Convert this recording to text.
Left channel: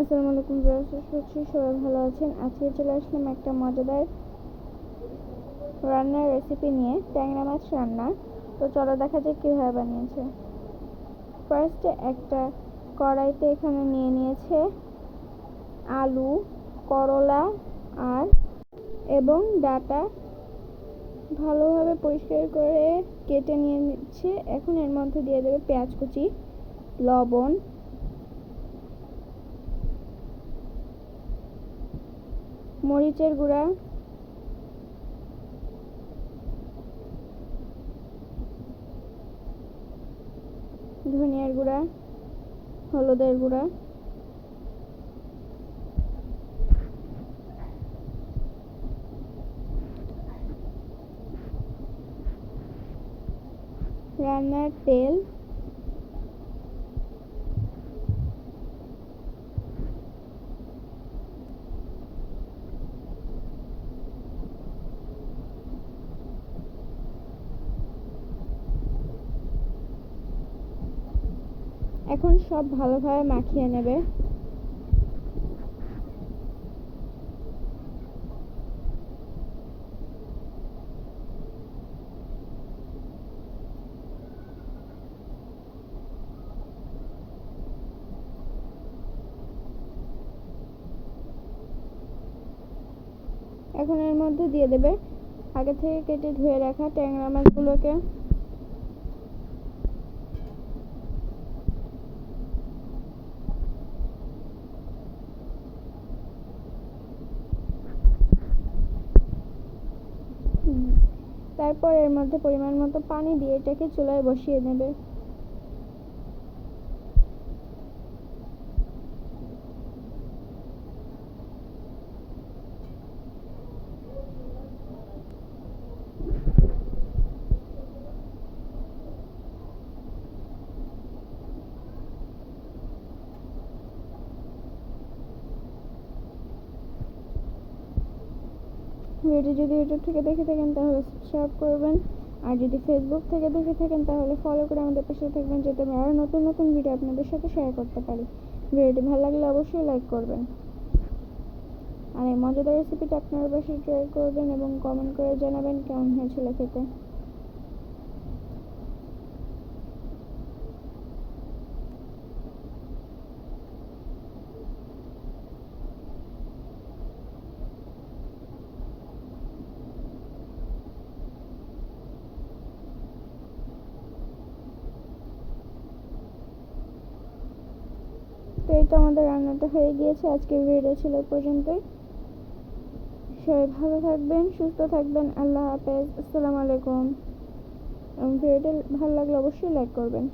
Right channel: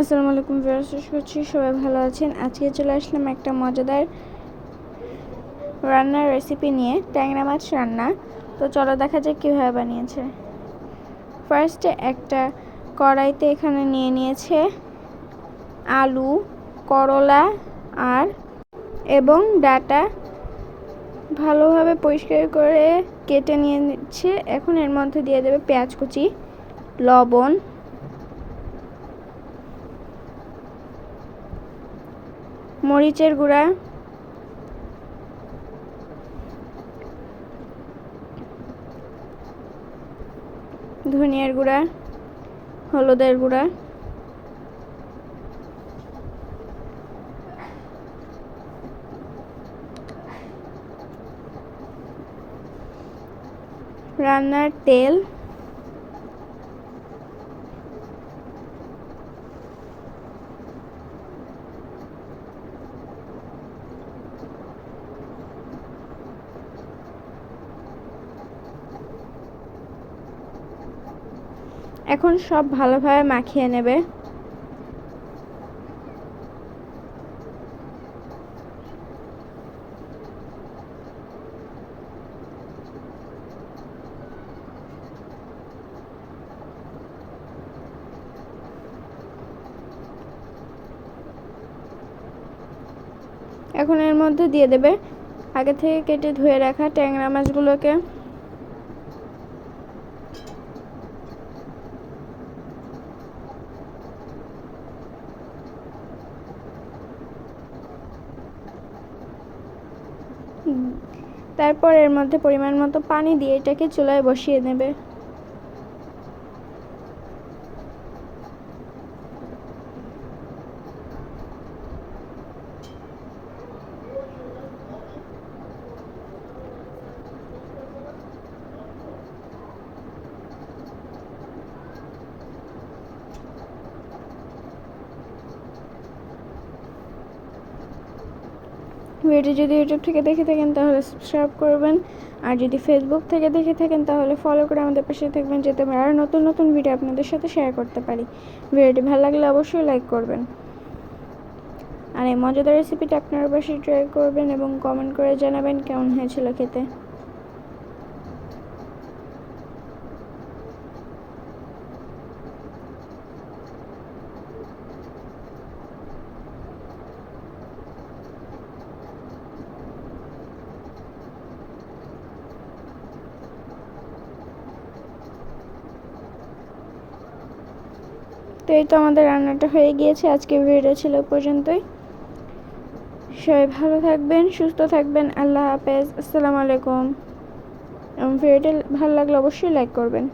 আসসালামু আলাইকুম ভিউয়ার্স, আশা করছি সবাই ভালো আছেন। আজকে চলে আসলাম একটা মজাদার রান্নার রেসিপি নিয়ে, ট্যাংরা মাছ রান্না। তো চলো দেখা যাক কীভাবে বানিয়েছে। ফার্স্টে একটা কড়াইতে এখানে নিয়ে নিয়েছে আলু, করলা এবং ডাটা ভালোভাবে পরিষ্কার করে কেটে নিয়ে নিচ্ছে। এখন এর মধ্যে দিয়ে দেবে পেঁয়াজ কুচি, লবণ, মরিচের গুঁড়া, ধনিয়ার গুঁড়া, হলুদের গুঁড়া, রান্নার তেল, এখন সব ভালোভাবে মাখিয়ে নেবে। এখন এর মধ্যে দিয়ে দেবে আগে থেকে কেটে ধুয়ে রাখা ট্যাংরা মাছগুলোকে। তারপর এর মধ্যে পরিমাণ মতো পানি দিয়ে এটাকে চুলায় বসিয়ে নেবে। ভিডিওটি যদি ইউটিউব থেকে দেখে থাকেন তাহলে সাবস্ক্রাইব করবেন, আর যদি ফেসবুক থেকে দেখে থাকেন তাহলে ফলো করে আমাদের পাশে থাকবেন, যাতে আমরা আরও নতুন নতুন ভিডিও আপনাদের সাথে শেয়ার করতে পারি। ভিডিওটি ভালো লাগলে অবশ্যই লাইক করবেন, আর এই মজাদার রেসিপিটা আপনারা অবশ্যই ট্রাই করবেন এবং কমেন্ট করে জানাবেন কেমন হয়েছিল খেতে। তো এই তো আমাদের রান্নাটা হয়ে গিয়েছে। আজকে ভিডিও ছিল পর্যন্তই। সবাই ভালো থাকবেন, সুস্থ থাকবেন। আল্লাহ হাফেজ, আসসালামু আলাইকুম। এবং ভিডিওটি ভালো লাগলে অবশ্যই লাইক করবেন।